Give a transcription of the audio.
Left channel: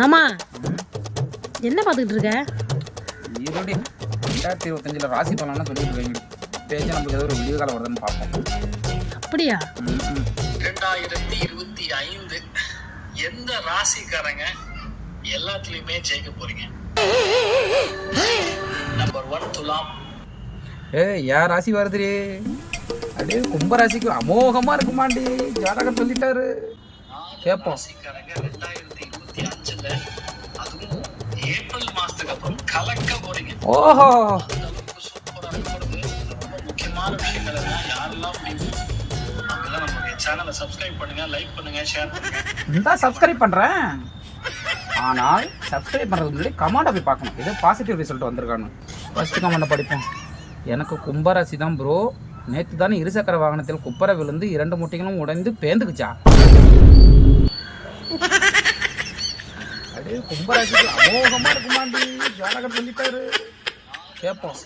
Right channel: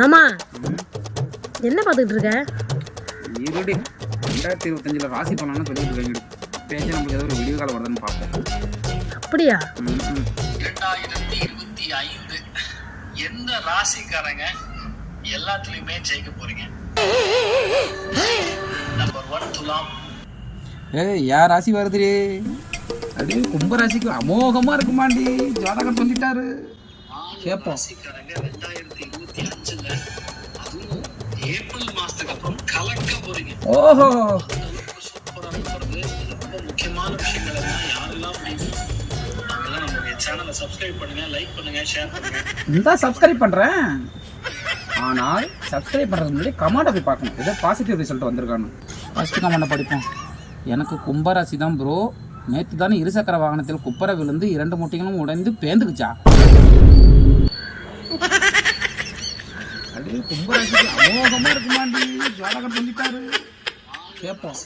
மாமா என்ன பார்த்துக்கிட்டு இருக்க? இருடி ரெண்டாயிரத்தி இருபத்தஞ்சில் ராசி பலன்னு சொல்லிட்டு இருக்கீங்க பேஜ் நமக்கு ஏதோ ஒரு விடிவு காலம் வருதுன்னு பார்ப்போம் அப்படியா. ரெண்டாயிரத்தி இருபத்தி ஐந்து எந்த ராசிக்காரங்க எல்லாத்துலயுமே ஜெயிக்க போறீங்க? நம்பர் ஒன் துலாம். ஏய் யார் ராசி வருதுடி? அப்படியே கும்ப ராசிக்கு அமோகமா இருக்குமாண்டி. ஜாதகர் சொல்லிட்டாரு. நாலு ஓஹோ. முக்கியமான விஷயங்கள் யாரெல்லாம் சேனலை சப்ஸ்கிரைப் பண்ணுங்க லைக் பண்ணுங்க ஷேர் பண்ணுங்க இந்த சப்ஸ்கிரைப் பண்றேன். ஆனால் சப்ஸ்கிரைப் பண்ணுறது முன்னாடி கமெண்ட்டை போய் பார்க்கணும். ஏதோ பாசிட்டிவ் ரிசல்ட் வந்திருக்கானு ஃபர்ஸ்ட் கமெண்ட்டை படிப்போம். எனக்கு கும்பராசி தான் ப்ரோ நேற்று தானே இருசக்கர வாகனத்தில் குப்பரை விழுந்து இரண்டு முட்டைகளும் உடைந்து பேந்துக்குச்சா? அப்படியே கும்பராசிக்கு அமோகமா இருக்குமாண்டி. ஜாதகம் சொல்லிட்டாரு. கேட்போம்